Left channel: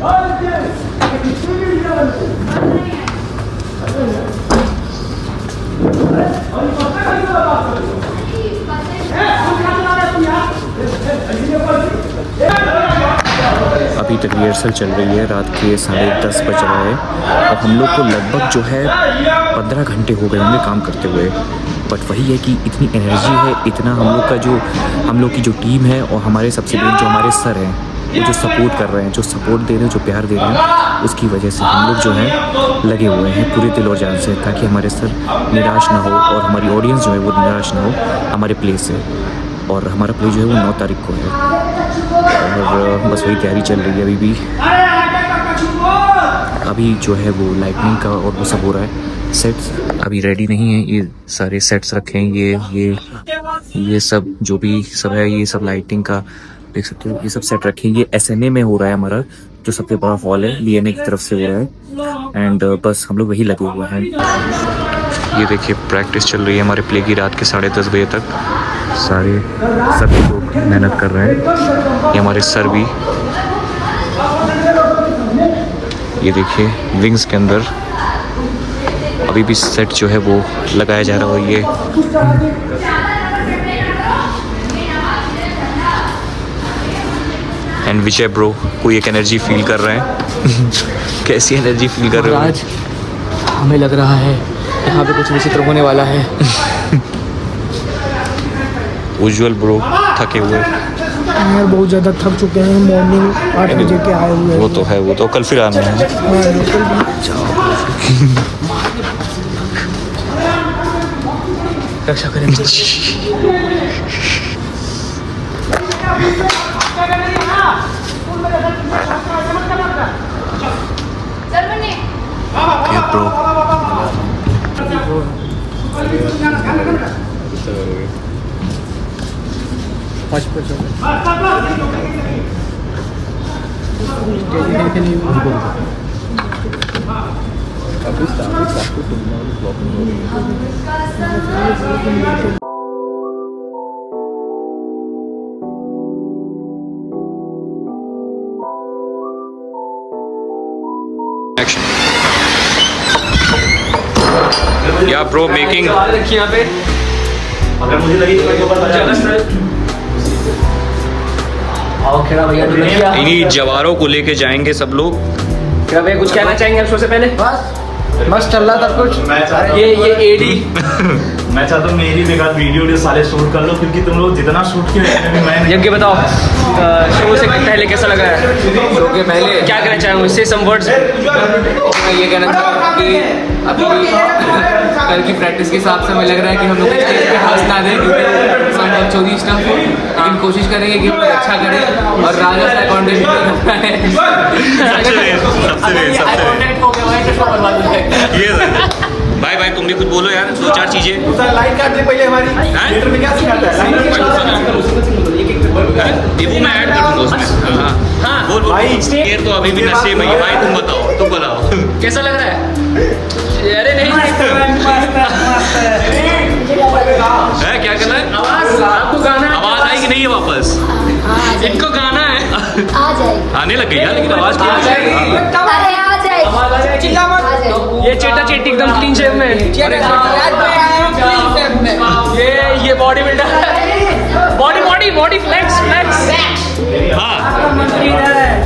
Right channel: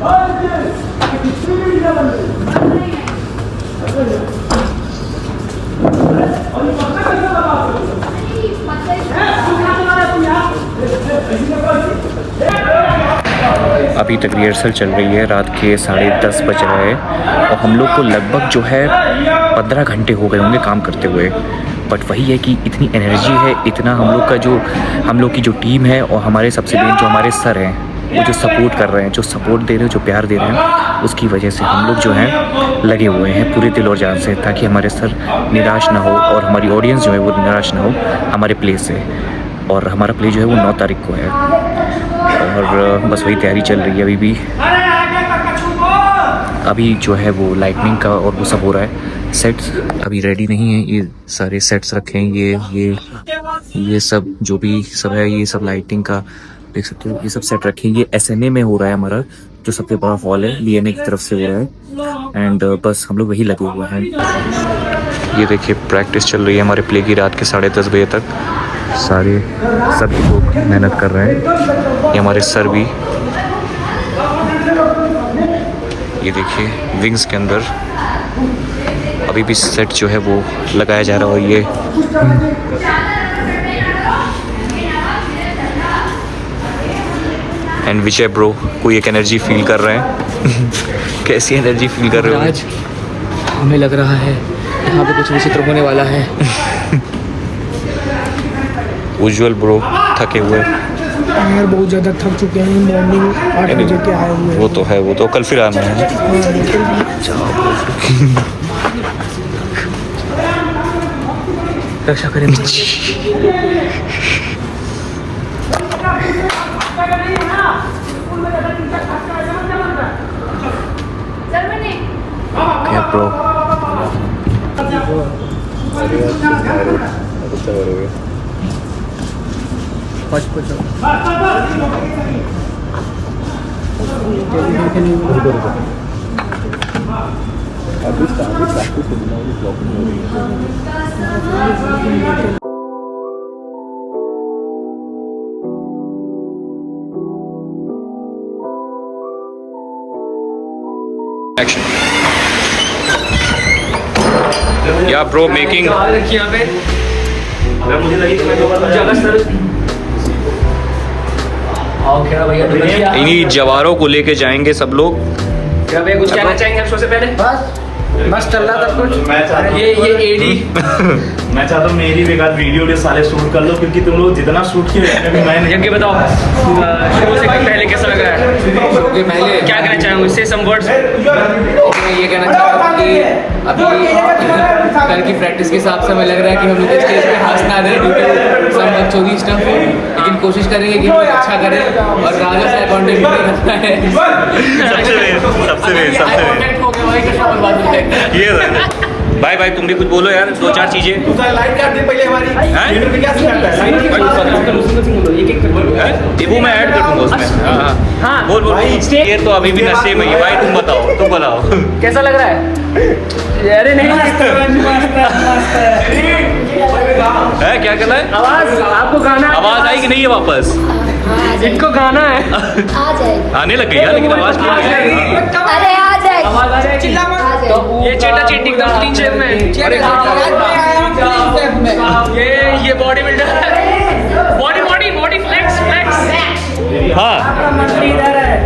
अभी तक रिहर्सल चल रही है, रात के 10:30 बज रहा है और हम लोग को लगभग जो है 15 घंटे हो गए होंगे काम करते हुए। बट वही है कि इतनी एनर्जी है, इतना हम लोग की जो टीम है और हमारे सबसे मेन जो हमारे सर हैं, वो जो सपोर्ट कर रहे हैं, जो सपोर्ट दे रहे हैं, जो प्यार दे रहे हैं, उसकी वजह से हम लोग जो हैं लगे हुए हैं पूरे दिल और जान से, ताकि हमारे सर निराश ना हो और हमारी ऑडियंस जो है वो निराश ना हो हमारे प्ले से। और हमारा प्ले जो है वो 9 तारीख को है और बस वही तैयारी चल रही है अभी भी। अभी जो है वो लाइटनिंग का और वो सब हो रहा है। सेट्स अभी रेडी नहीं है, ये सारे सेट्स रखे हैं, ये सब जो भी सब है, ये सब लाइटिंग का देख सकते हो, ये सब सेट रखे हैं। ये SNA में हो रहा है हमारा, जो सबसे बड़ा हॉल है, BNA की तरफ से हो रहा है। एंड बस हम लोग वही लगे हुए हैं। ये देखिए प्रैक्टिस चल रही है हमारे प्ले की रात के 10:30 बजे तक। सभी लोग मेहनत कर रहे हैं, ये हमारे सर भी। ये देखिए विंग्स के अंदर अभी भी सेट जो है वो लगाया जा रहा है। ये एंड विजय ब्रो कोई एक एनर्जी फील कर रहे हैं कैसी एनर्जी फील कर रहे हो? आज हमें लग रहा है यहाँ पे कुछ विचित्र होने वाला है। उज्जवल ब्रो थके हुए यार, बहुत ज़्यादा थक चुके हैं। मॉर्निंग 8 बजे के आए हुए हैं। वो तो है, वो तो कल फिर आना है। रक्षा करेंगे। क्या ब्रो एक्शन। या ब्रो मेकिंग इन्हीं जवारों को लेके जाएंगे सब लोग। क्या भैया कुछ कहना चाहेंगे शो से पहले? बस चल रहा था कुछ। ये एडी मैं चाहता हूँ मेरी भी वीडियो साले शूट कर लो, क्योंकि तुम लोग जितना शूट किए अभी मैं नहीं। ये बताओ शो से पहले कैसा लगा? शो के पहले क्या कहना चाहेंगे उससे सम वर्ड्स? मैं ये कहना चाहता हूँ कि अभी कल की प्रैक्टिस के हिसाब से हमें लग रहा है कि हम लोग स्टेज पे हंस ना दें क्योंकि सब बकचोदी स्टफ हो, लेकिन कोशिश करेंगे कि हम लोग अच्छा करें और राजा से कॉन्टेक्ट करना है। भाई भाई तुम भी कुछ बोलो यार, 2-4 चीजें। लाइट काट दे पहले हमारी थिएटर में क्या सिखाता है वो मैं ऐड कर दूंगा उसमें। हाँ बोल बोल। ये तो अभी भी नशे में भाई, तुम बताओ कैसा लग रहा है? अरे नहीं है क्या कहना है? आवाज आई कि नहीं है वापस? इनको गाना है आ जाएगी। आने लग गई यार, लेकिन आवाज क्यों नहीं आई? अरे आ जाएगी। चिल्ला मत। ये चीटा चीटी एकदम क्लीन शेप में। ये बॉडी बिल्डर बॉडी फ्लेक्स। हाँ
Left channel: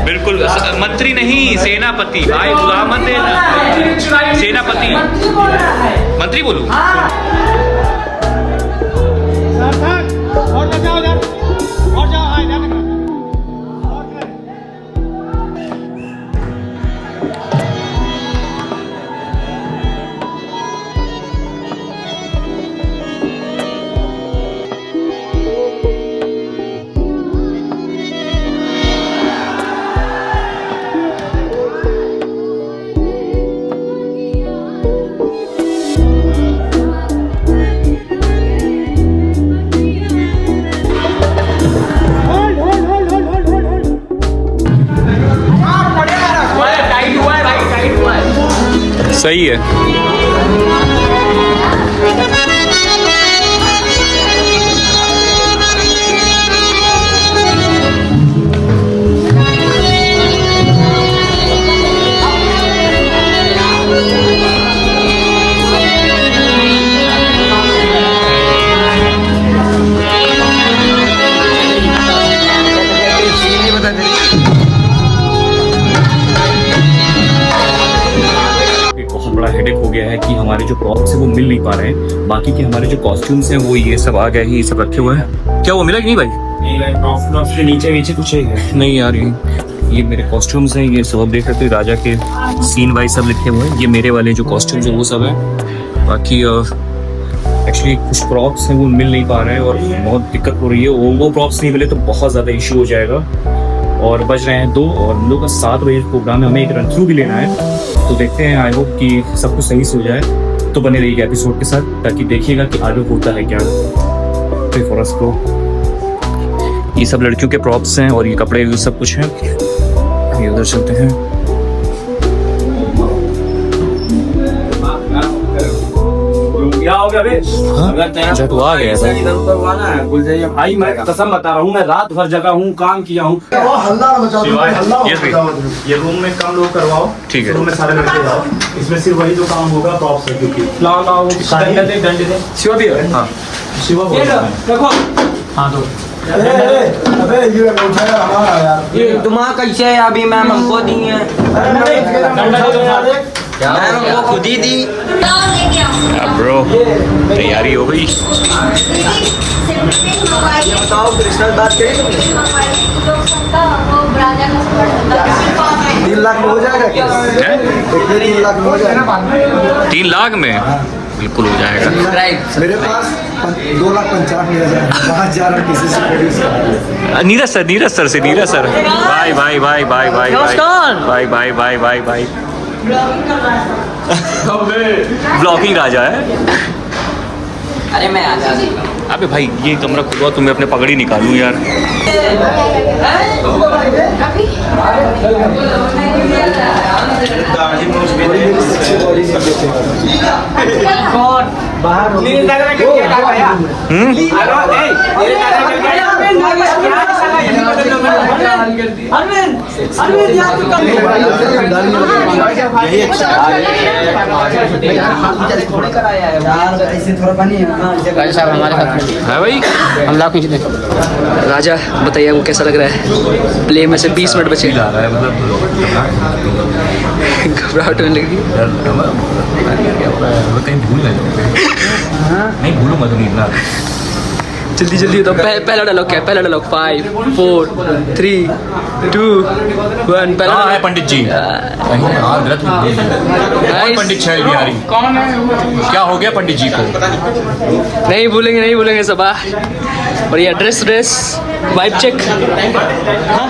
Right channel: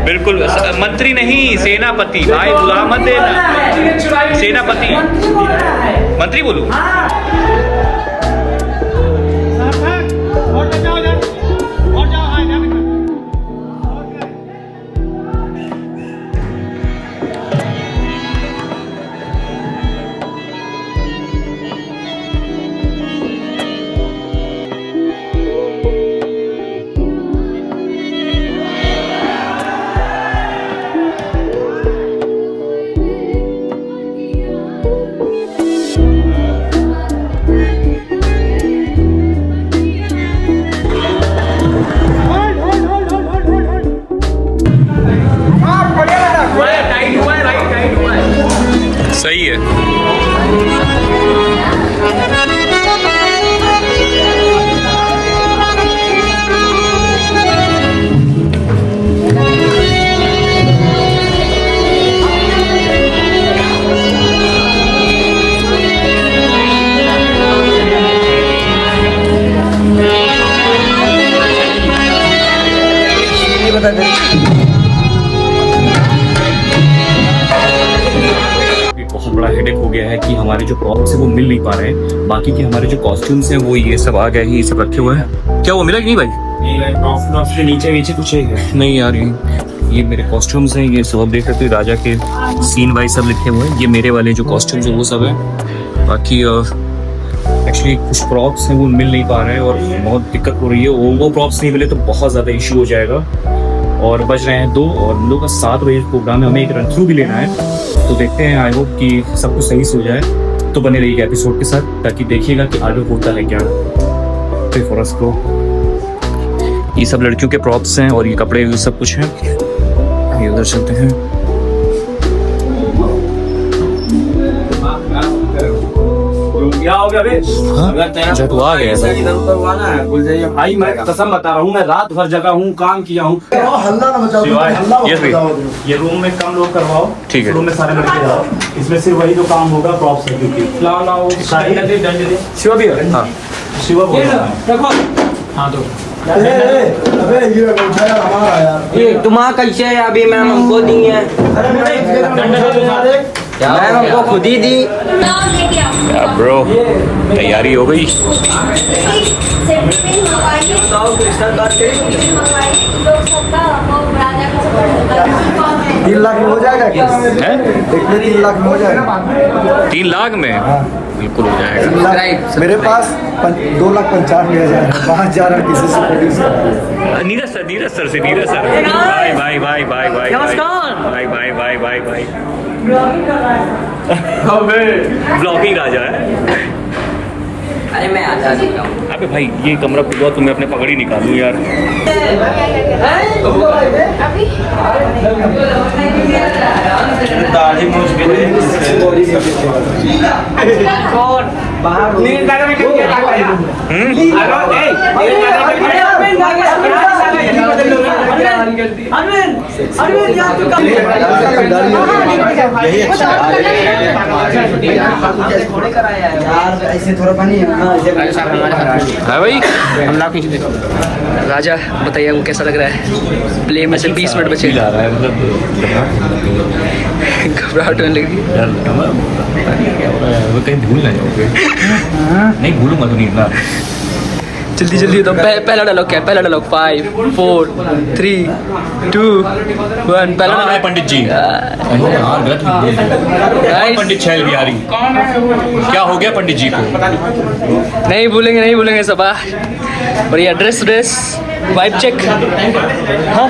बिल्कुल, मंत्री नहीं सेनापति भाई, बुला मत देना। सेनापति मंत्री बोलूं? बहुत बड़ा हेडेक हो गया है कि हमारे जो प्रॉप्स है वो मिल नहीं पा रहे हैं। बाकी के हमारे जो कॉस्ट्यूम्स हैं वो ये सब आ गए हैं, ये सब रखे हुए हैं। क्या वो मिला कि नहीं भाई? नहीं, नीचे कुछ है नहीं यार, ये मेरे कॉस्ट्यूम्स हैं, ये सब आप देख सकते हो, राजा के सीन वाइज सब लिखे हुए हैं। ये मेरे वाले जो कॉस्ट्यूम्स हैं वो सब है। बाकी एक्चुअली कुछ प्रॉप्स हैं वो मिल नहीं पा रहे हैं और बहुत दिक्कत हो रही है। वो प्रॉप्स नहीं मिले तो बहुत ज़्यादा इशू हो जाएगा। और बज रहे हैं 2 और हम लोग का 7 बजे प्रोग्राम है, हमें एक रन थ्रू भी लेना है। तो देखते हैं, आई होप कि सब कुछ सही से हो जाए। तो बने रहिएगा एपिसोड के साथ ताकि देखिएगा कि आगे होता है क्या। तो फॉर अस को ये सब लड़कियों के प्रॉप्स हैं और ये कपड़े भी सब कुछ हैं। ये उधर चलते हैं। क्या हो गया बे? अगर तेरा अच्छा, तू आ गया था। इधर उधर हुआ ना, भाई मैं कसम बता रहा हूँ, मैं रात भर जगा हूँ, काम किया हूँ। हल्ला ना मचाओ, हल्ला Yes, मत मचाओ। ये रूम में काम लोग करवाओ, ठीक है। रूम में सारे लड़के जाओ। इसमें सिर्फ वही जो काम होगा प्रॉप्स है, क्योंकि शिवा भी है। हाँ, शिवा बोल रहा है। देखो हाँ तो अबे ये अंगूठा यार हमारा यार। ये तुम्हारा कैसे है? अभी मैम हमको दी है, मैम हमको खुद ही दी। ब्रो तैयारी हो गई। बताओ कृष्णा बात करें। 3 लाख में हो जाएगा क्या? हैं? 3 लाख में हो जाएगा। 3 लाख में बिल्कुल हो जाएगा। मेरे पास 2,50,000 बाहर जा रहा किसी से प्रोड्यूस करा। नीरज सर से Neeraj sir bye bye bye bye bye bye bye bye bye bye. Blogging राजा है। अरे मैं आ जाता हूँ। अबे भाई ये कमरा खुलवा, तुम्हें अपने पगड़ी निकालूं यार। दाढ़ी मूंछ भी यही अच्छा ऐसे थोड़ा पानी है भाई। राजा बताइए आपको कैसा लग रहा है? प्ले में से 20 मिनट बचे। जा रहा है मतलब घबराहट होने लगी। क्या हो रहा है? कहीं भूल ना जाओगे। नहीं भूलूंगा तो नहीं ना। जल्दी जल्दी तो पहला डायलॉग क्या है? पहला डायलॉग 5 4 3 2 1 पहला है पंडित जी। यार गलत नहीं बोल दिया। पंडित छैल बिहारी क्या हो गया पंडित जी को? नहीं भूलेंगे सब। बढ़िया ड्रेस वाइब चेक। हाँ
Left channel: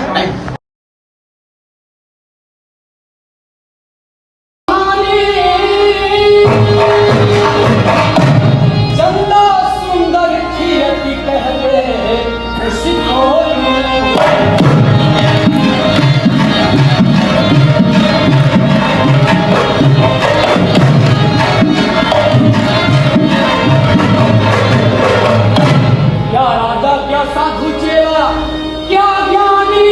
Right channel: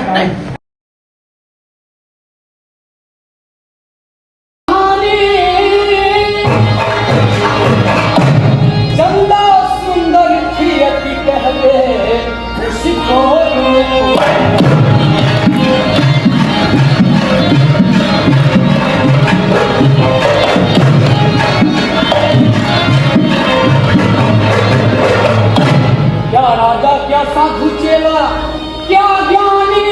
क्या राजा क्या साधु चेला क्या ज्ञानी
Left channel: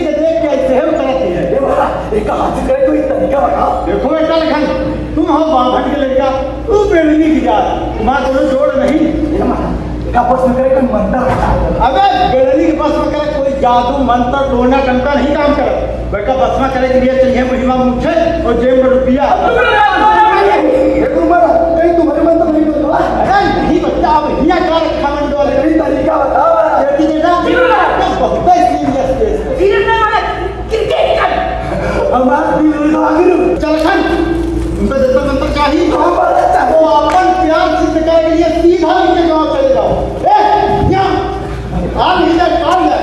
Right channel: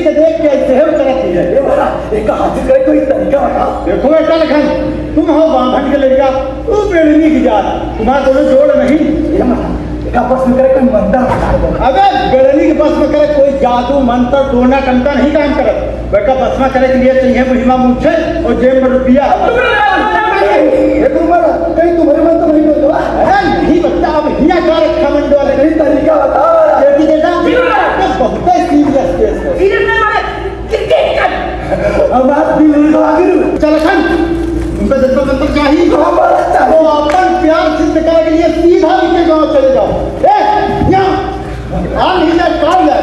बेड़नी के देख के ऐसे है उतरती है एक हाथ करे कोई तरीका बता देखो बेटा लखन तुम हो बांभट के लड़का तू बेड़नी की जात तुम्हारा दोनों जोड़ नहीं का बस में करे कोई मंत्र अबे बेड़नी के बस में करे कोई जादू मंत्र टोना टंका नहीं काम करे बेटा बस में करे के लिए चाहिए महिमा मुझे और जेब में रुपया तुम्हारा कहीं तुम्हारे मन तो नहीं बोलता है नहीं बच्चा अब हिया का रखा मंडो ने कहीं तरीका बता बेटी बेटा बहुत सीरियस केस है सीरियस नहीं वाले क्रिकेट कर हम बात भी नहीं लगा चल खन उन पे तो मंत्र चाहिए वो अपन प्यार सिद्ध करने के लिए सीधा नीचे गांव चले जाओ ए यहां आ नहीं जा काम है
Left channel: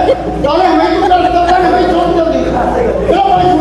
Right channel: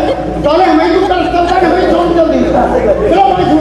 चले हमें तो कर सकते हैं हमें छोड़ जल्दी चलो भाई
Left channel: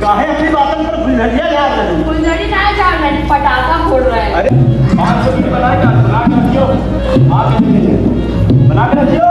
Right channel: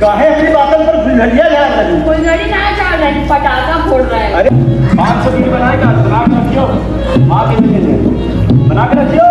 काहे अपनी बातों पर फुलझड़िया ला रहे हो फुलझड़ी ना चाह रही पटाखा फोड़ रहा है अरे 500 की बनाएगा आगे रखियो बना के रखियो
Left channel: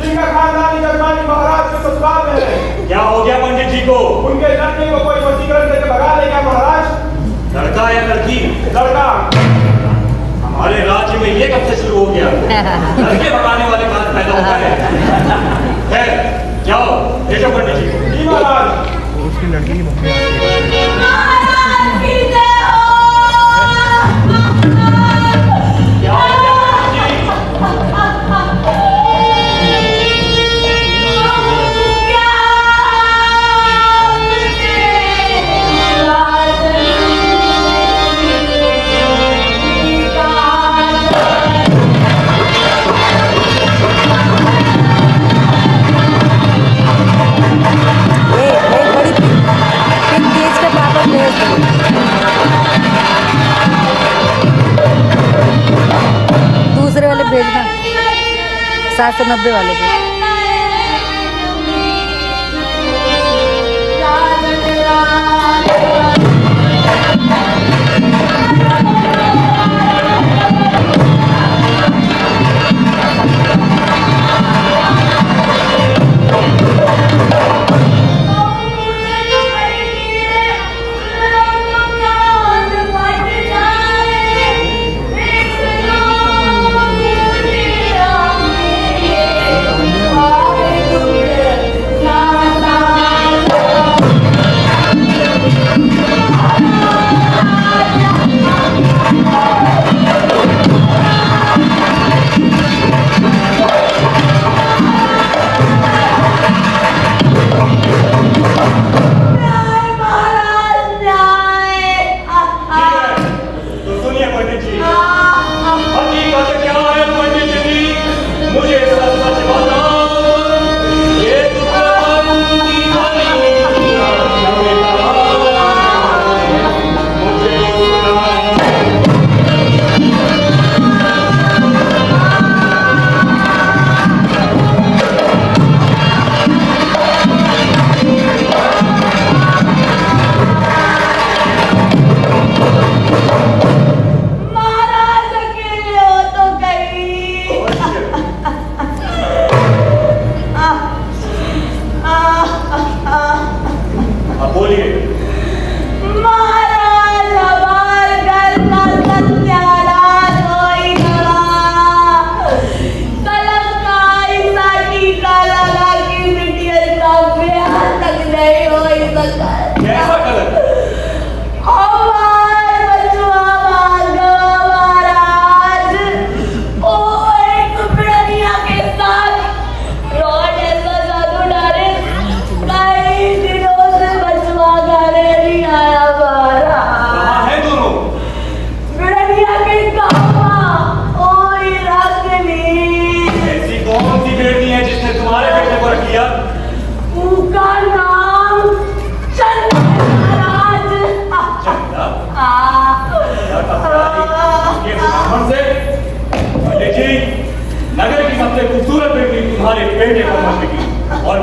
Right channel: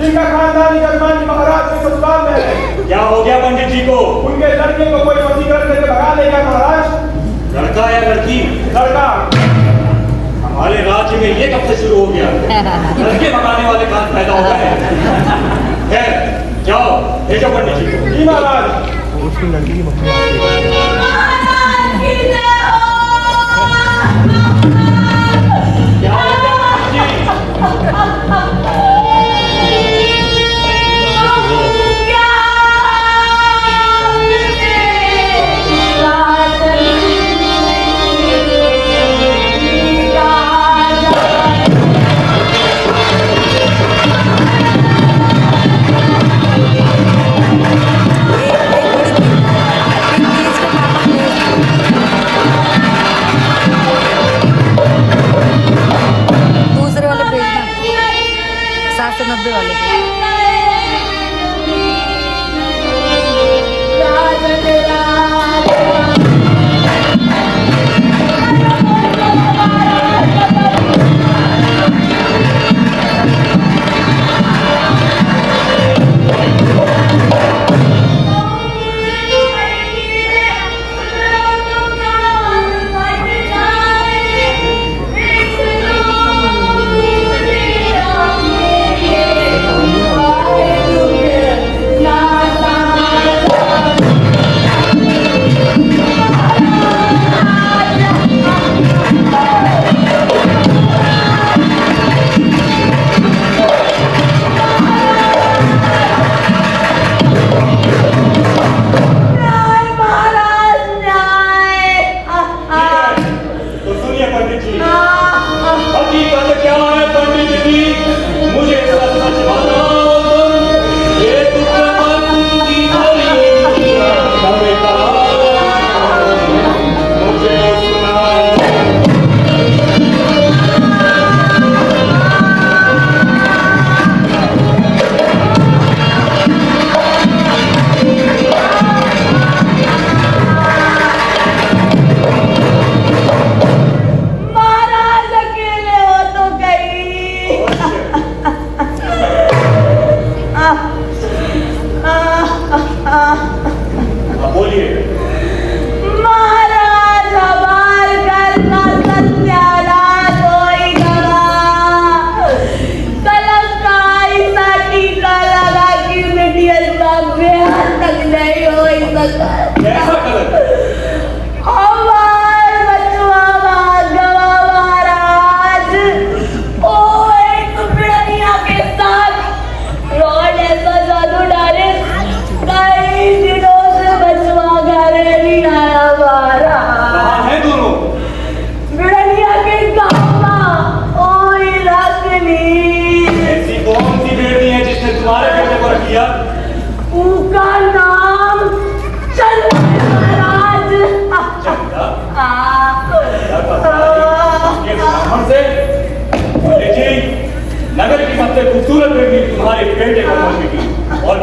जिनका खानदानी कर्मानी महाराज के ससुराल में है। क्या हो गया पंडित जी को? उनके लड़की को कोई वशीकरण देकर भगा ले गया महाराज। लड़का या लड़की? लड़का। हमारे राज्य में ये कब से शुरू हो गया? लड़के भगाने वाले कहां पैदा हो गए? खैर जाओ ले जाओ पंडित जी को। जी महाराज। क्या हो गया पंडित जी? दूसरे वाले भेजना 790 वाले पे। बेटे को मांगेगी और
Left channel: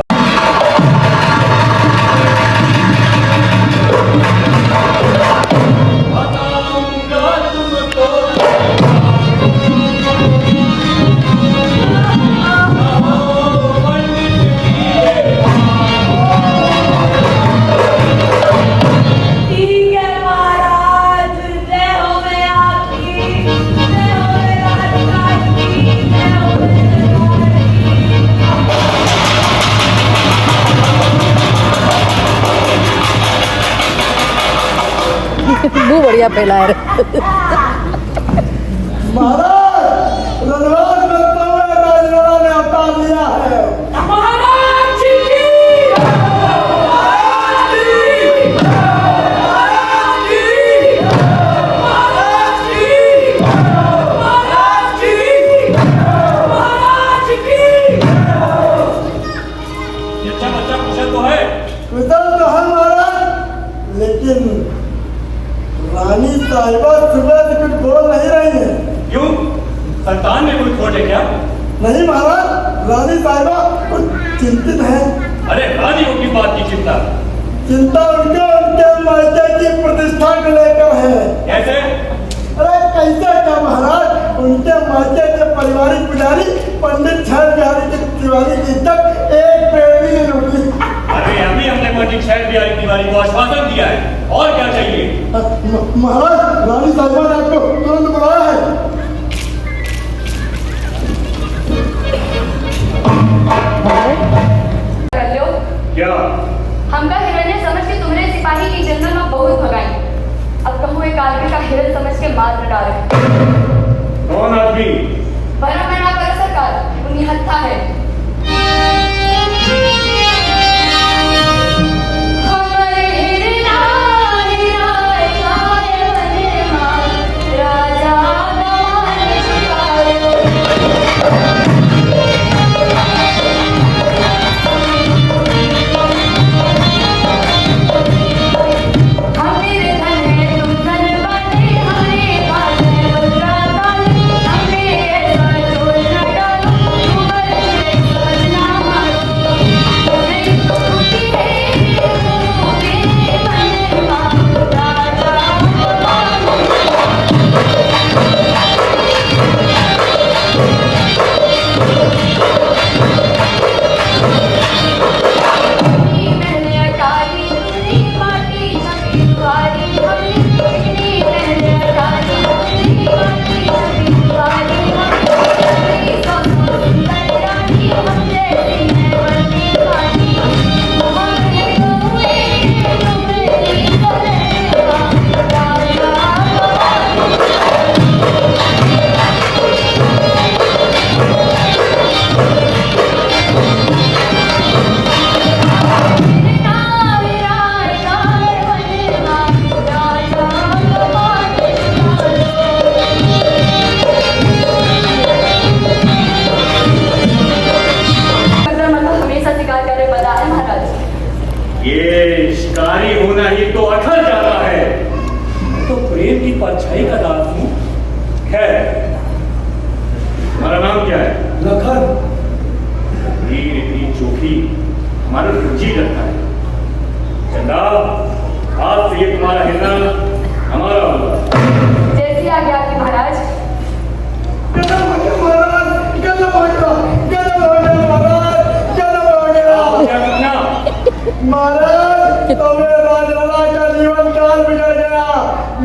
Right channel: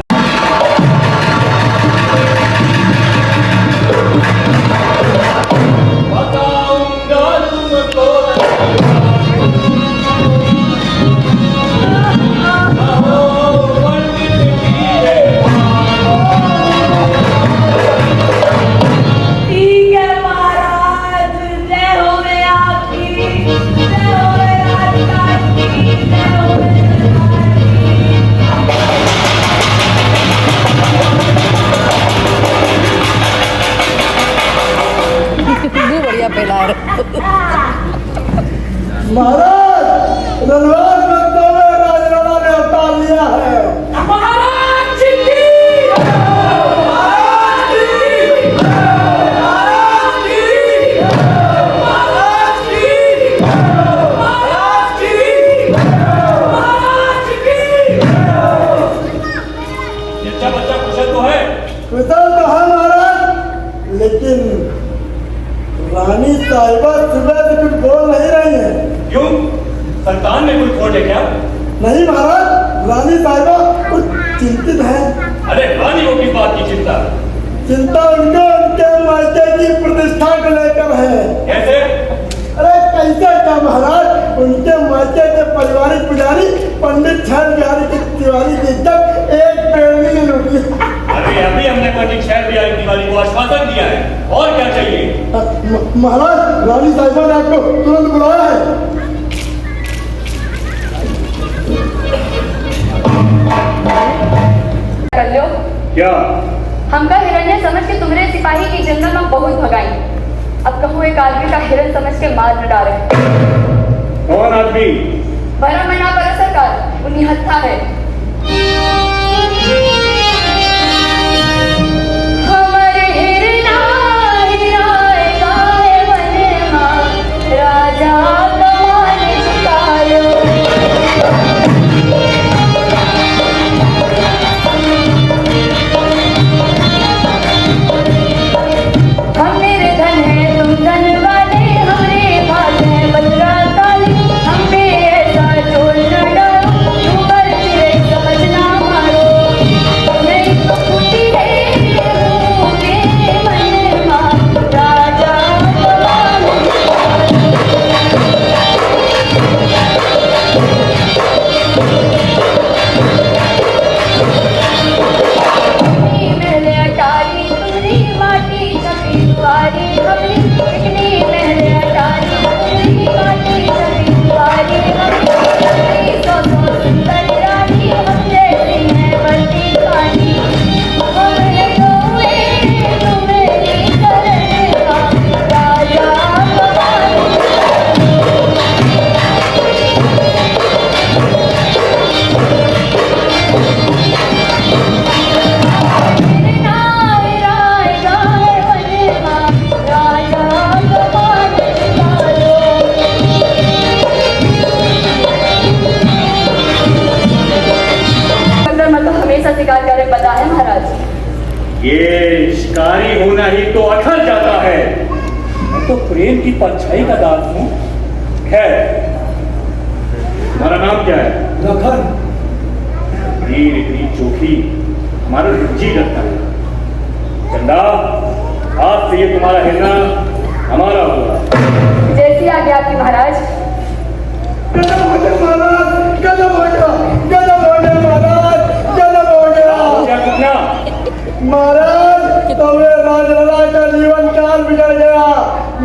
वो बढ़िया पहला है। महाराज रणवास करते हुए राजवाड़ा ने अवतार लिया है। महाराज जी की महाराज जी महाराज जी महाराज जी महाराज जी महाराज की ये अच्छा बच्चा कुशल तो है। कुशल तो है महाराज, लेकिन रानी साहिबा सुबह से कुछ बोल नहीं रही है। क्यों? संतान में कोई खोट है क्या? नहीं महाराज, रानी साहिबा कुछ चिंतित है। अरे रानी को किस बात की चिंता? चिंता उनके उनके मायके की प्रतिष्ठा को लेकर है। कैसे? अरे कैसे क्या महाराज, उनके मायके के पारिवारिक पुजारी पंडित छह बिहारी के दीवारी की इज्जत एक पेड़ भी नहीं लूटी। अरे अभी हमने पंडित शहर बिहारी तिवारी को आश्वासन दिया है, और क्या चाहिए? महाराज रानी साहिबा ने आपको तुरंत बुलाया है। कर लो। क्या? हम का हिरण्य समझ के तुमने सिपाही की जंगल में बहुत भगाई, अब कहूँ एक आदमी का हिरण समझ के मार न डाले। कौन आदमी? भरा मैं ना कर सरकार, उन्हीं हत्या है। हमारे हिरना हिराए गाए बने माँ, राजा कमाने चुकाए। हम मेरे धन है तुम धन वाले, हमारे हाथ है बजरा ताले। हम पे ऐसा चोट न डालो, ऊपर गिरे समझना मारो। नहीं तो खुशी है के बने माँ, राजा मैंने अटारी तुमरी माटी छपी तुम्हारी हमने, इतनी मैंने अटारी तुमरी माटी छपी तुम्हारी हमने। सौ सुंदर रानी हम जैसी है बनती पानी, हमने कोए तुम्हें करने का राजा हमेशा शिकार करे बता है महाराज। ये शिकारी होना ही तो अकल जाता है। मैं तो प्रेम की परछाई का दास हूँ। खैर, तुम्हारा नाम क्या है? लखन। वीर इतनी चोखी हमारा रुचि करता है। चंदा, आज से ये तुम्हारा हिरना हमारा होगा। जैसी आगे आपकी महाराज। गजब हो गया महाराज, गजब हो गया, गजब हो गया महाराज, गजब हो गया। क्या घटना? महाराज तबे राजलला का जीवन काल बिगड़ गया।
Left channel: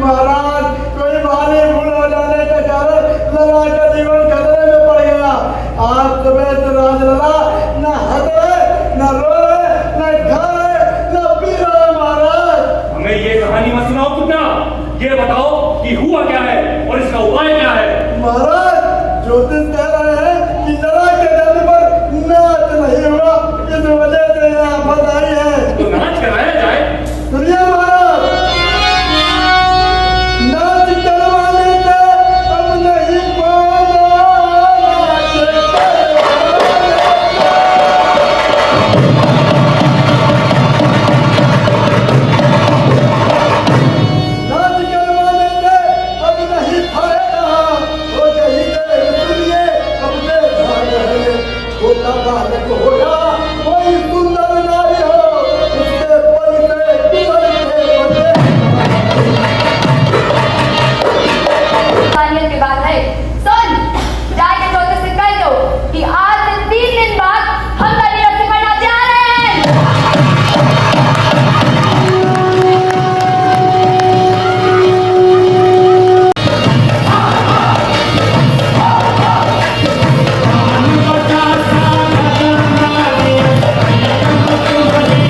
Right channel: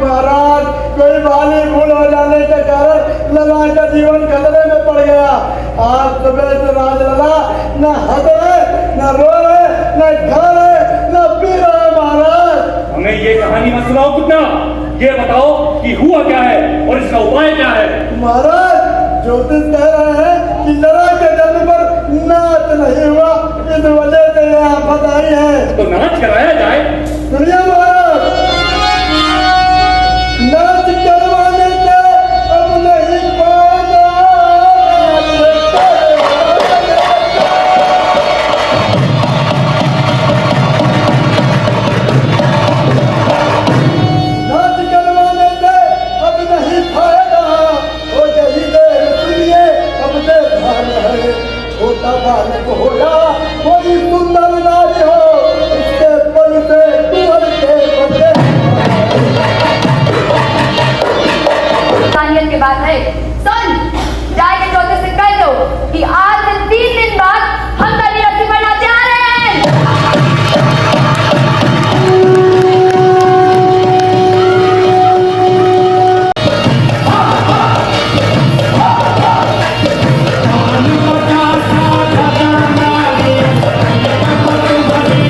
महाराज कोई भाली भूल हो जाने के कारण लला का जीवन खतरे में पड़ गया। आज सुबह से राजलला न हंस रहे, न रो रहे, न खा रहे, न पी रहे। महाराज हमें ये कहानी मत सुनाओ कितना, ये बताओ कि हुआ क्या है और इसका उपाय क्या है। महाराज ज्योतिष कह रहे हैं कि लड़ा के जन्म पर नाच नहीं हुआ, इस वजह से यहाँ बताई है। तो नाच कराया जाए। सुनिए महाराज, नाच करवाने से अब नहीं पाएगा। नाच करवाने से अब नहीं पाएगा। हो गई देर सुनिए, अब देर भाग है। छोटा बालक हो या कोई सुंदर नारी हो, उसके पल से कुंवर के बचे। तानियत के बाद है सुन, जाके ज्योतिष से कह दो कि आज से 3 दिन बाद हम तेरी रस्सी बनाने जा रहे हैं। Thank you.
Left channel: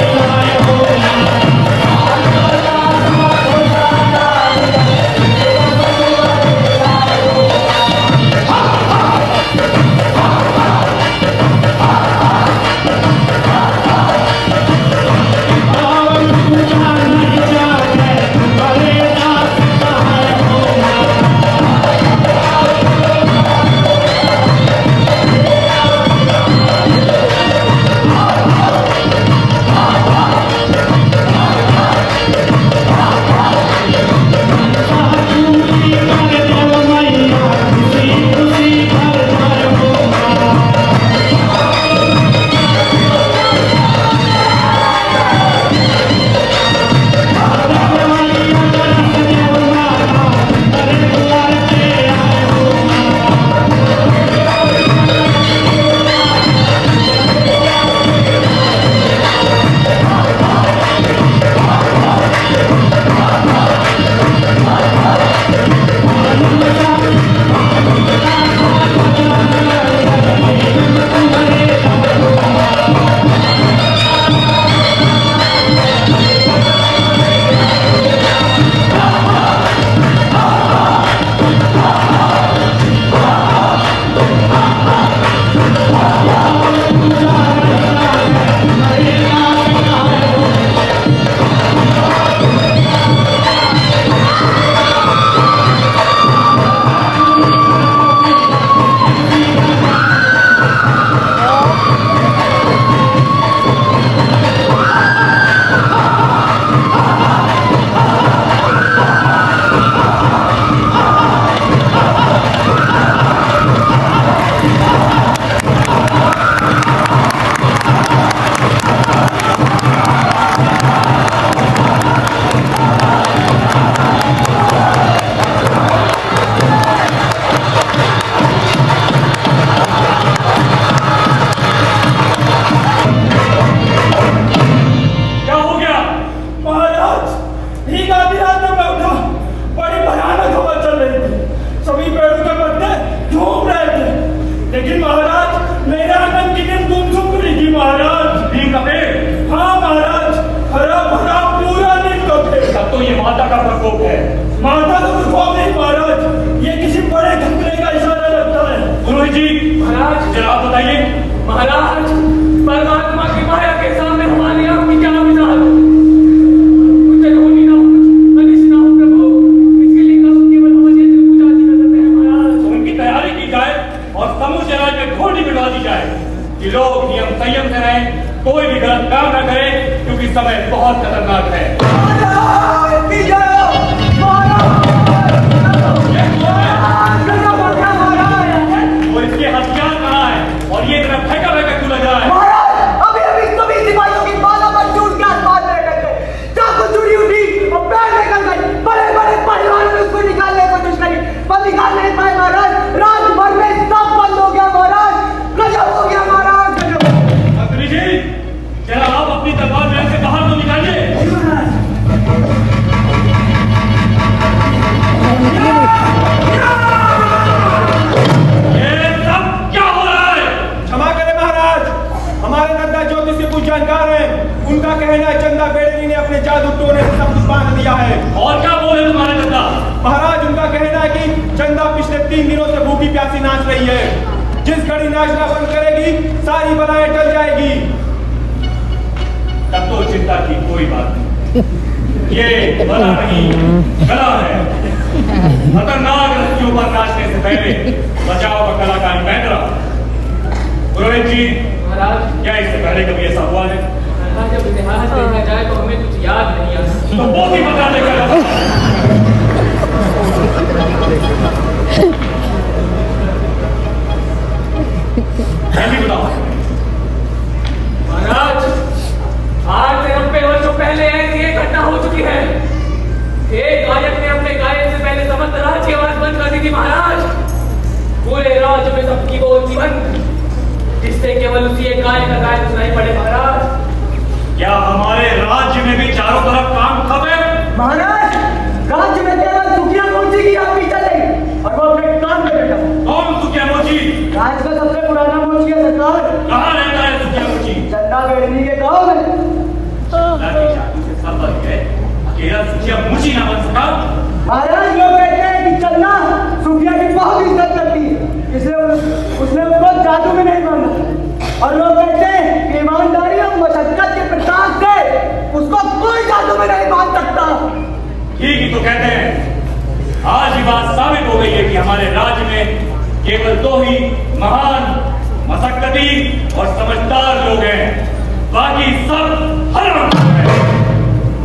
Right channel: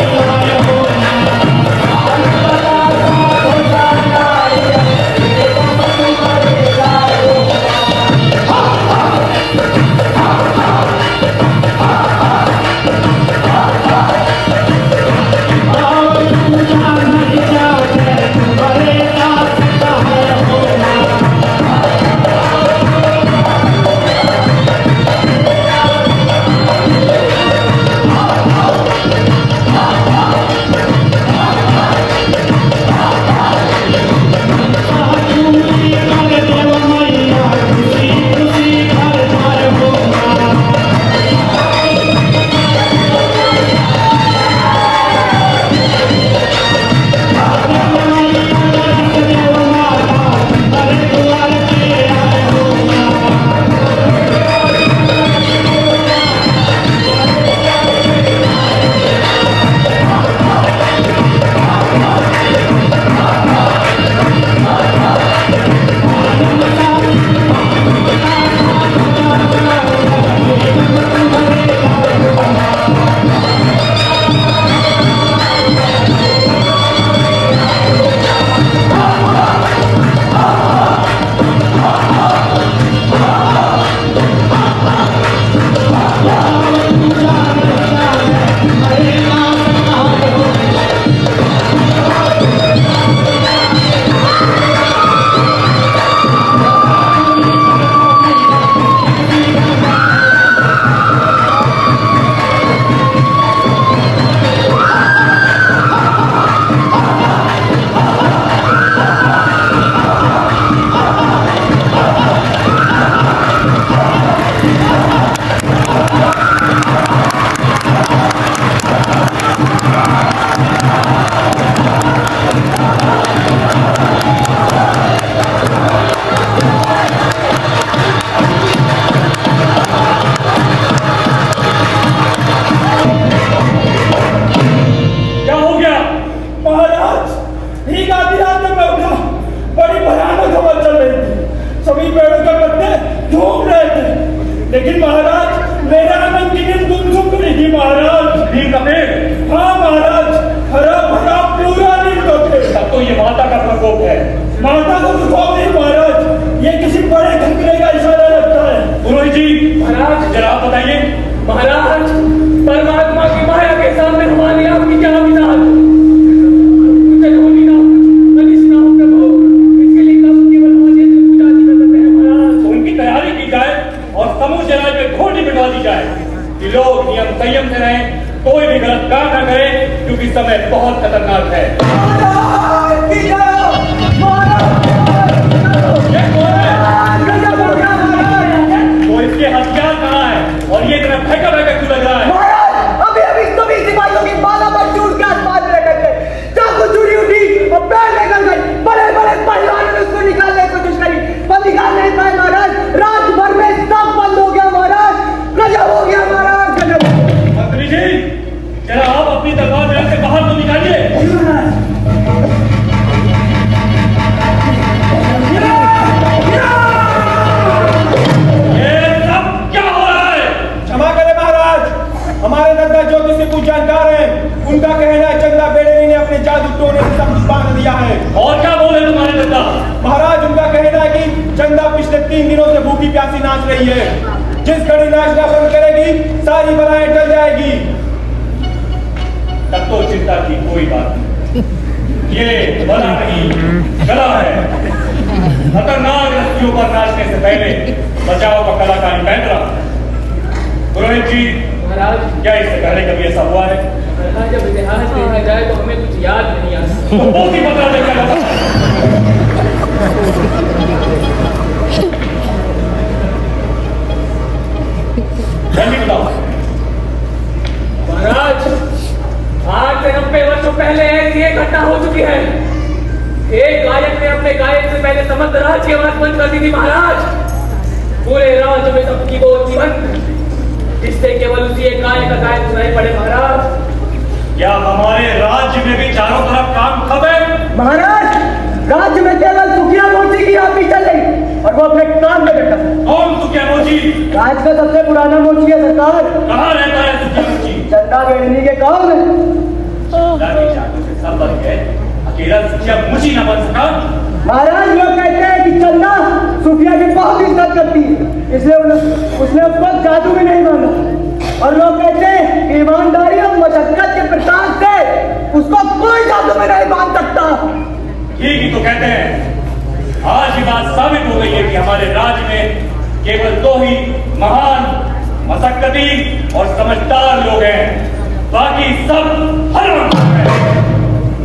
लोग नियम संयम से रहें, कोई भी गलत काम न करें, क्योंकि समय बहुत खतरनाक है। ये कौन है? वो इसके हथियार कहाँ है और ये इतना फेंका फेंका क्यों लग रहा है? अभी सभी सिपाहियों की बाला पर चूट के आसमान में रख गए, चाकू चूड़ी उठी और पैर निकल गई। बड़े बड़े पहलवानों ने उसको निकालने की कोशिश करी, पर निकाल नहीं पाए महाराज। रात भर में सब बंद हो गया महाराज। गजब हो गया महाराज, गजब। मंत्री जी, जरा आप अपनी तलवार बैंक से बाहर तो निकालिए। ये सब क्या हो रहा है? क्षमा करें महाराज, हमारे दद्दा ज्योतिष से कुछ जानकार हैं, उनका कहना है चंदा बेड़े ने अपने जादू टोने से सब कुछ बांध दिया है। और क्या बोले तुम्हारे दद्दा? महाराज, उनका कहना है कि चंदा पिछले 3 दिनों से भूखी प्यासी नाच रही है। जिस घड़ी नाचना बंद करेगी सारी बलाएं टल जाएगी। तब तो चिंता की कोई बात नहीं। ये बला नहीं, कला है। खतरनाक रस्सियों पर नाचने से पहले बचाव का कलाकारी पहन रहा। पुरोहित जी, महाराज, क्या इससे पहले कभी ऐसा हुआ है? महाराज, जब इतिहास देखा जाए तो हमें कुछ याद नहीं आता। तो वो भी बता देकर जल्दी बताओ। महाराज, आज से 90 वर्षों पहले ये घटना हो चुकी है। एक गायक ने अपने गायक से पहले समस्त राज्य की आवाज बंद कर दी थी महाराज। पूरे राज्य में सबकी वो जीवंत, जिससे केवल उसी एक गायक का गायक सुनाई पड़े महाराज। क्या हमारे राज्य में भी चारों तरफ काम खब है? महाराज, राज्य में केवल सुखिया मोची की राह चल रही और वो अपने काम में बैठा। कौन सुखिया मोची? राज्य का सबसे पुराना मोची है सरकार। कहाँ रहता है सुखिया मोची? चंदा बेड़नी के गाँव में। लाठी चाकू से सब बन गए, अकेला सुखिया मोची ना बन सका? महाराज, लोग कहते हैं कि चंदा सुखिया की बहुत इज्जत करती है, इसलिए उसने उस पर जादू भी नहीं माना। और लोग कहते हैं कि ईमानदारी और मशक्कत के प्रताप से उसको कोई जादू में नहीं मान सकता। ठीक ही तो कहते हैं। आज ये बात साबित हो गई है कि हमारे राज्य में केवल 2 ही महान, मशक्कती और समझदार लोग हैं, बाकी सब हराम हैं।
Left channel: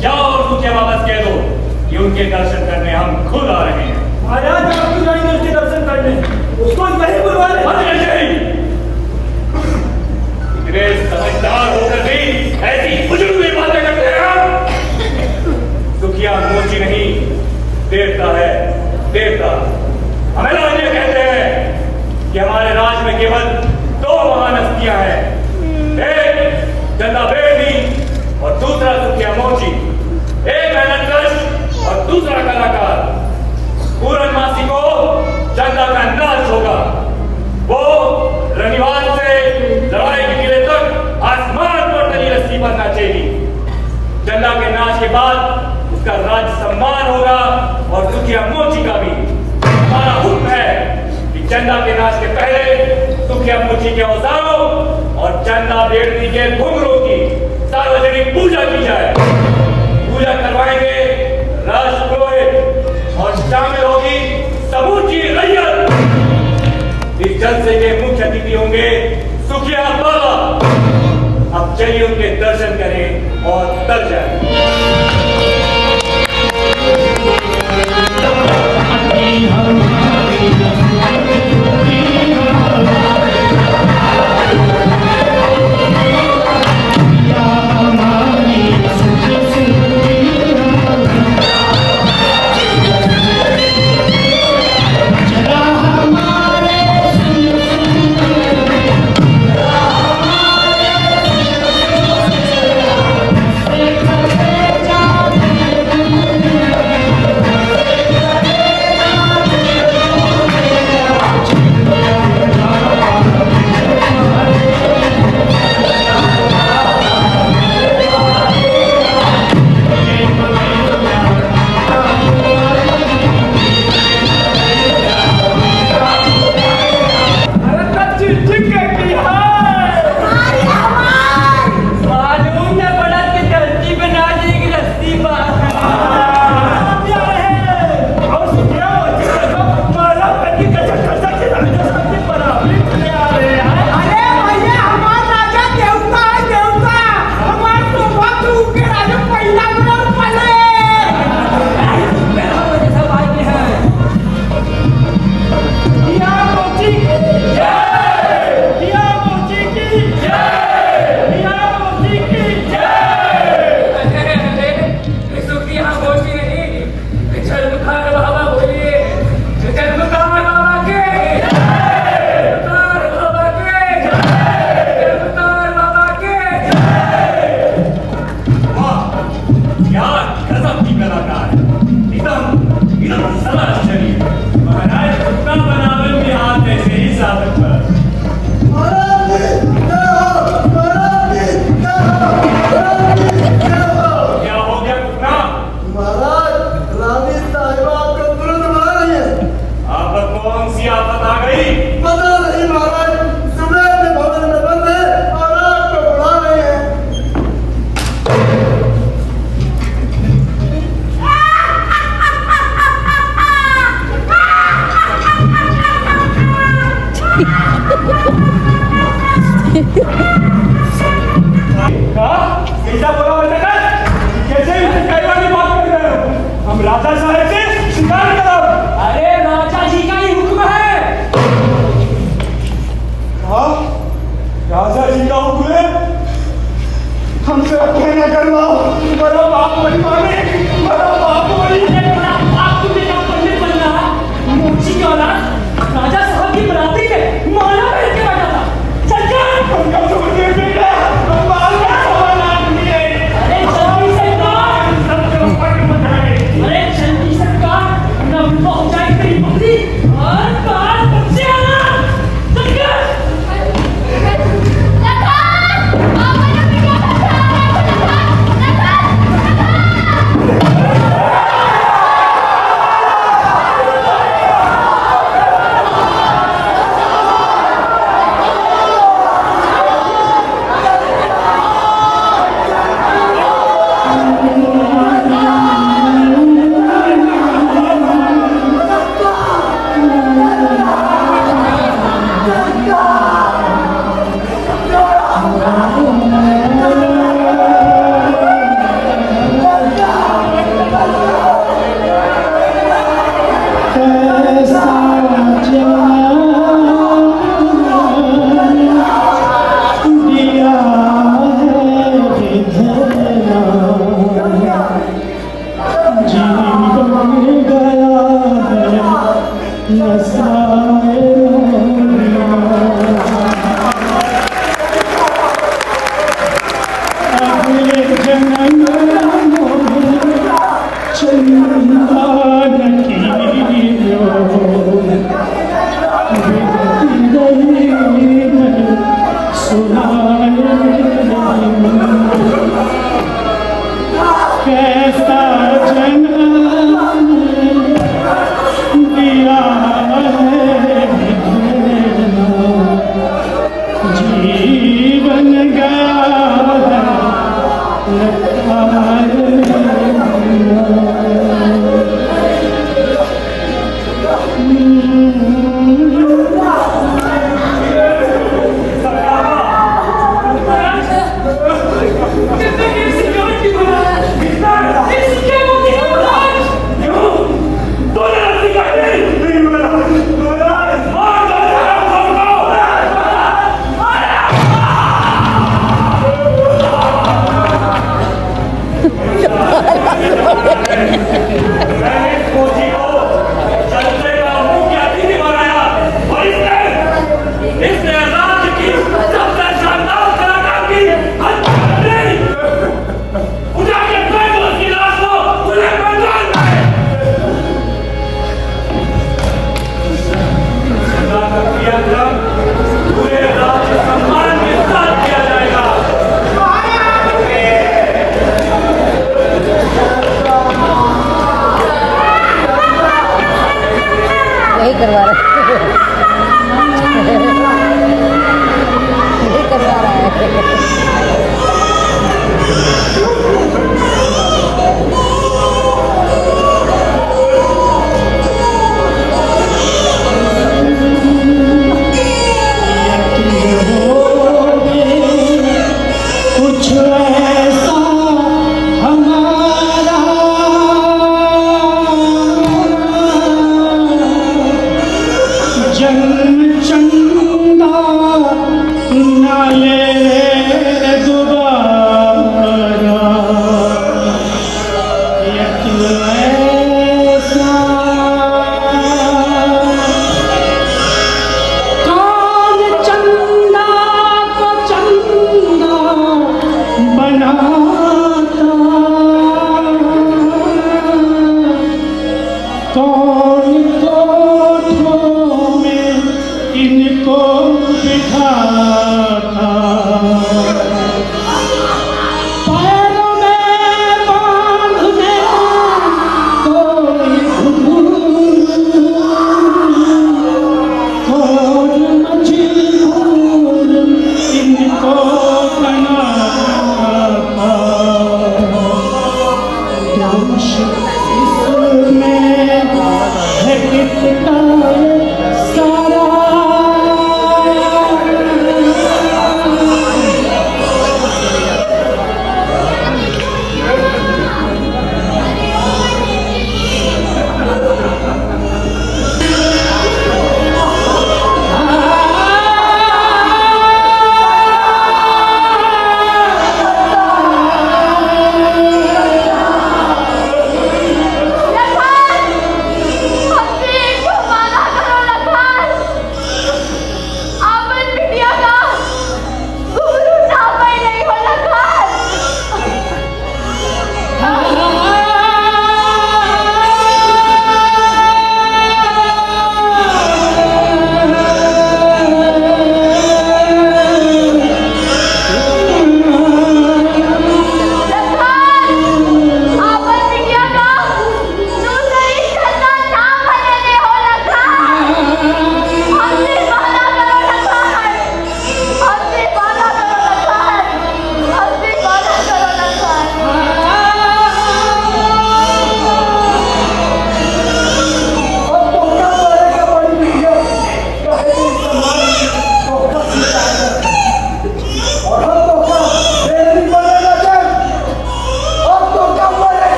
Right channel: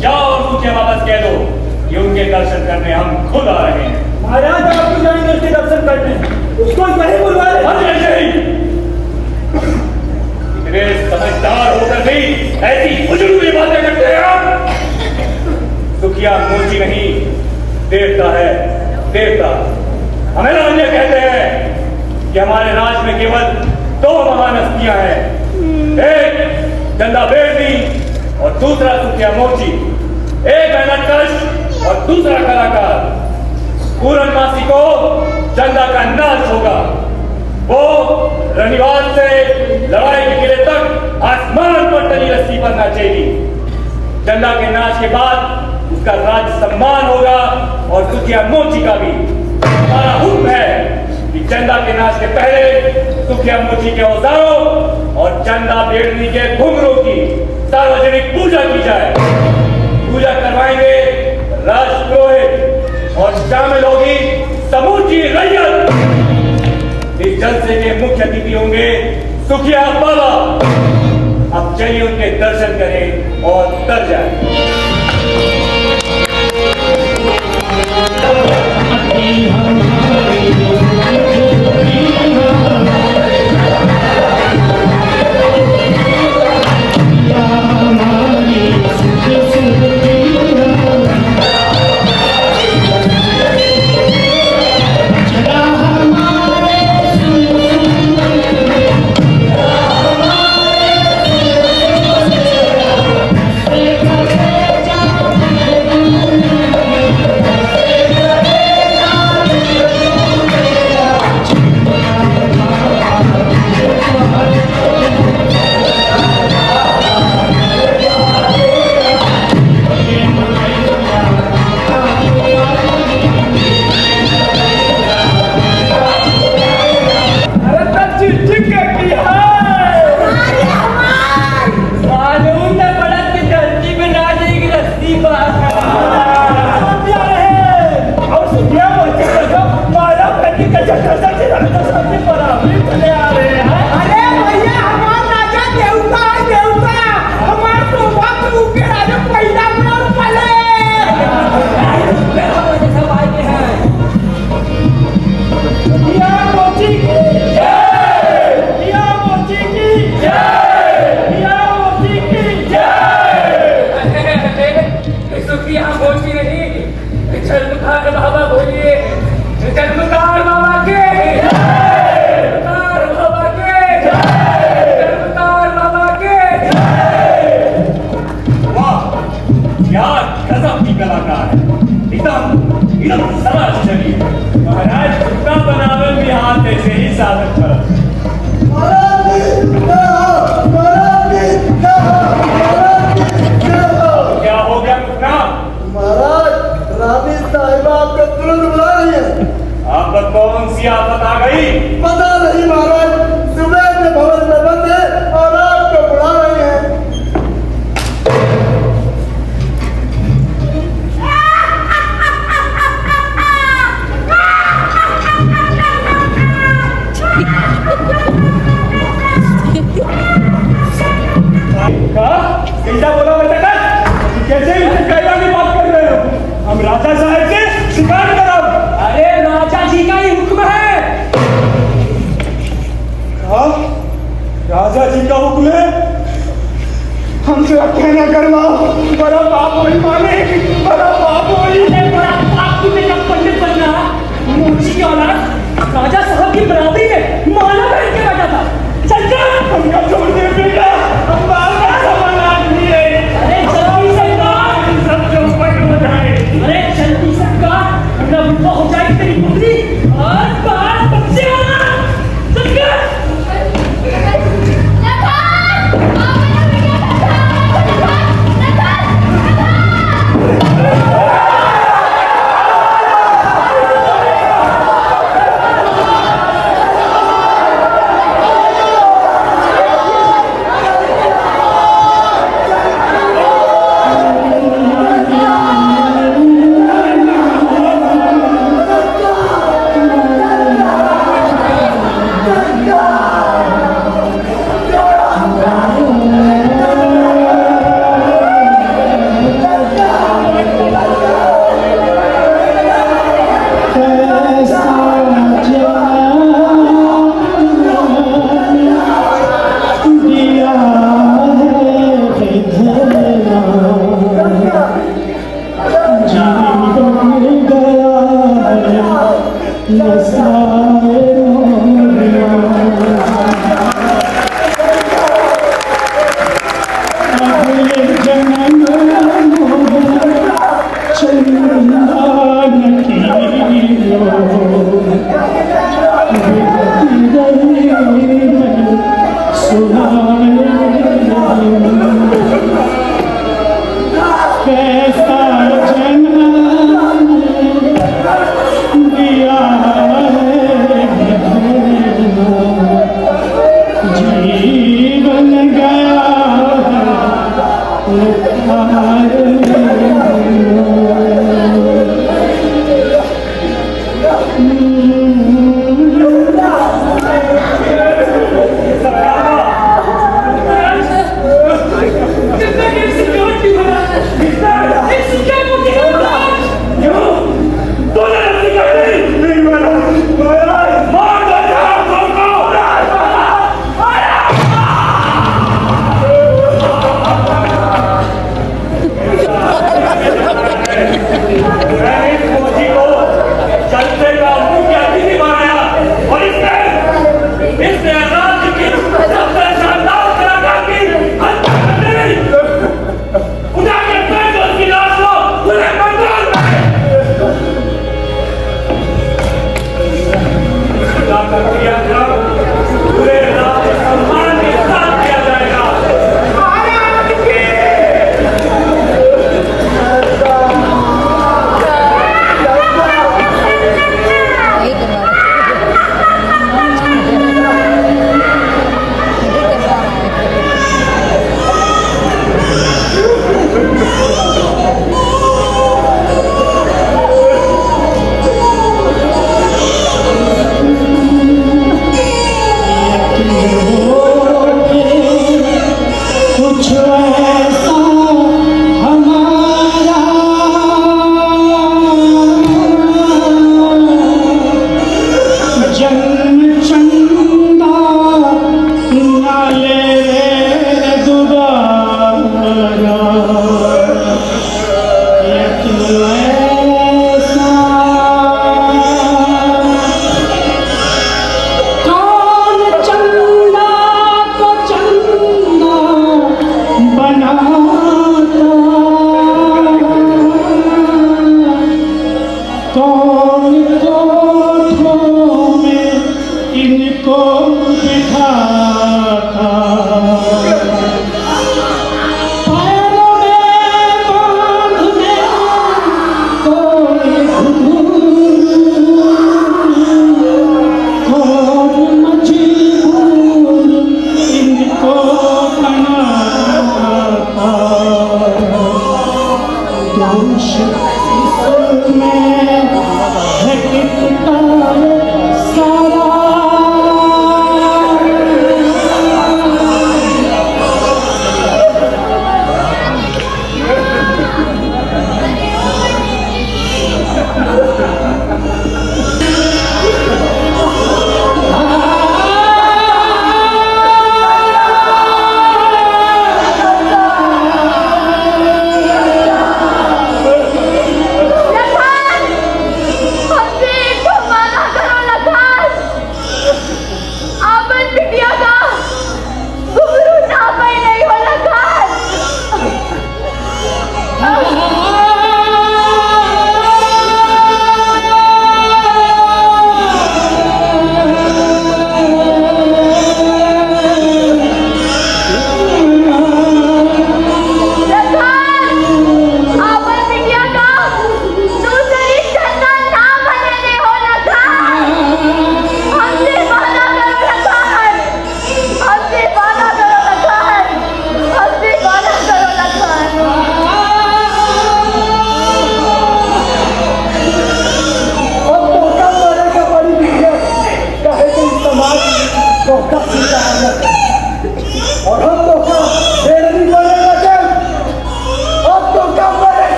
जाओ और सुखिया वापस कह दो कि उनके दर्शन करने हम खुद आ रहे हैं। महाराज, आप क्यों जाएंगे उसके दर्शन करने? उसको नहीं बुलवा रहे। इतने समझदार होकर भी ऐसी उजड़ी बातें करते हैं आप। सुखिया मोची नहीं, देवता है, देवता। हमें राज्य कहते हैं कि हमारे राज्य में केवल 2 महान हस्तियां हैं, एक चंदा बेड़नी और दूसरा सुखिया मोची। एक मेहनतकश और दूसरा कलाकार। पूर्णमासी को चंदा का नाच होगा। वो रनिवाल से लड़ाई के किले तक आसमान पर तली रस्सी पर नाचेगी। चंदा के नाच के बाद उसका राज सम्मान होगा और सुखिया मोची का भी। हमारा हुक्म है कि चंदा के नाच के पहले सुखिया मोची के औजारों और चंदा बेड़नी के घुंघरू की सार्वजनिक पूजा की जाए। पूजा करवाएंगे राजपुरोहित और शामिल होगी समूची रैयत। इस जलसे के मुख्य अतिथि होंगे सुखिया बाबा। अब चलिए उनके दर्शन करें और तर जाए।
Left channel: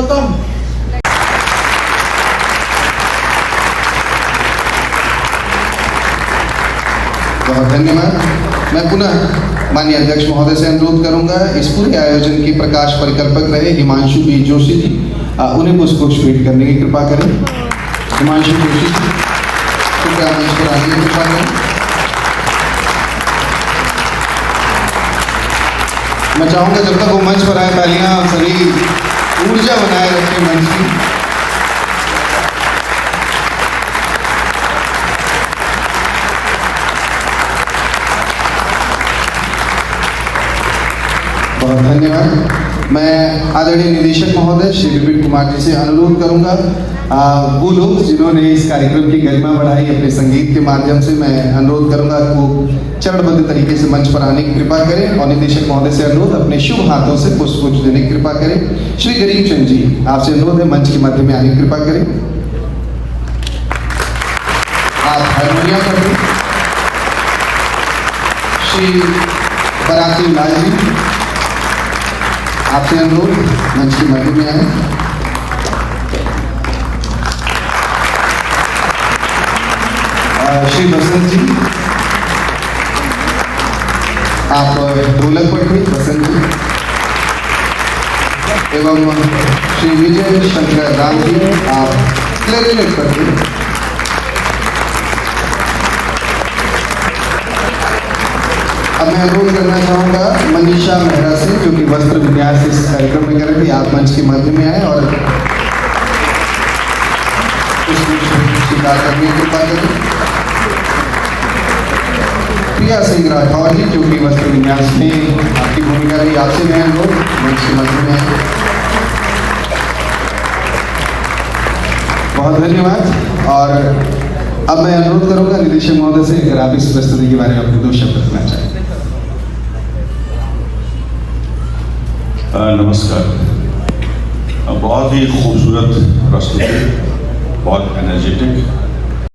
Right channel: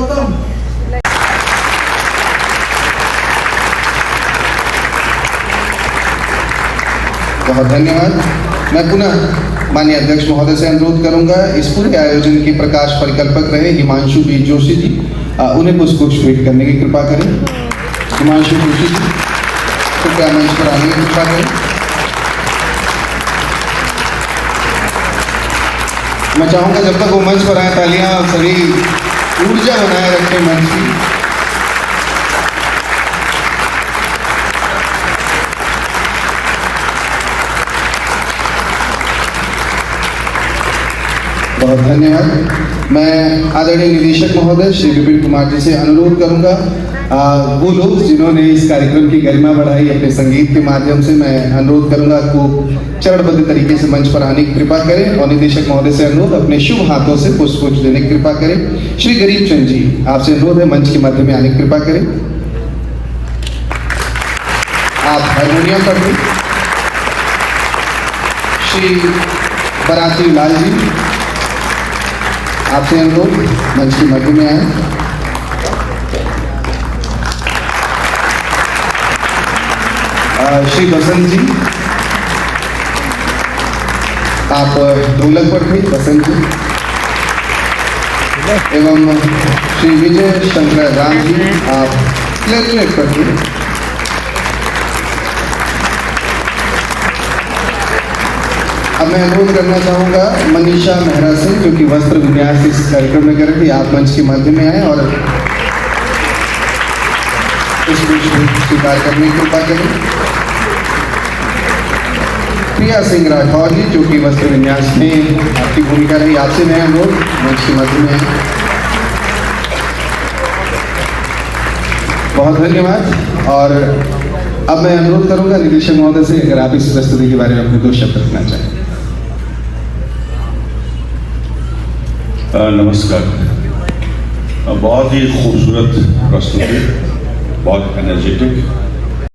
वेलकम। बहुत धन्यवाद। मैं पुनः माननीय अध्यक्ष महोदय से अनुरोध करूंगा इस पूरे आयोजन के प्रकाश परिकल्पक रहे हिमांशु बी जोशी जी, उन्हें पुष्पगुच्छ करने की कृपा करें। हिमांशु जोशी जी कृपया मंच पर आगे की कृपा करें। मैं चाहूंगा जब तक वो मंच पर आए तालियां सभी ऊर्जा बनाए रखें मंच की। बहुत धन्यवाद। मैं आदरणीय निदेशक महोदय श्री विपिन कुमार जी से अनुरोध करूंगा, वो लोग जिन्होंने इस कार्यक्रम की गरिमा बढ़ाई अपने संगीत के माध्यम से, मैं अनुरोध करूंगा आपको चरणबद्ध तरीके से मंच पर आने की कृपा करें और निदेशक महोदय से अनुरोध अपने शुभ हाथों से पुष्पगुच्छ देने की कृपा करें। श्री गरीब चंद जी, आपसे अनुरोध है मंच के माध्यम में आने की कृपा करें। आप हारमोनियम कर श्री बराती लाल जी, आपसे अनुरोध मंच के मध्य में आए। श्री बसंत जी, आप ढोलक पर थे बसंत जी, एवं श्री विजय शंकर राम जी, आप क्लैरिनेट पर थे। अब मैं अनुरोध करना चाहूंगा मनीषा मेहरा से, जो कि वस्त्र विन्यास इस कार्यक्रम में कर रही, आप मंच के मध्य में आए और स्वीकार करने की कृपा करें। प्रिया सिंह राठौर जी, जो कि वस्त्र विन्यास में आपकी भूमिका भी, आपसे मैं अनुरोध मंच के मध्य में आए। बहुत धन्यवाद। और अब मैं अनुरोध करूंगा निदेशक महोदय से, अगर आप इस प्रस्तुति के बारे में अपने 2 शब्द कहना चाहें। नमस्कार। बहुत ही खूबसूरत प्रस्तुति, बहुत एनर्जेटिक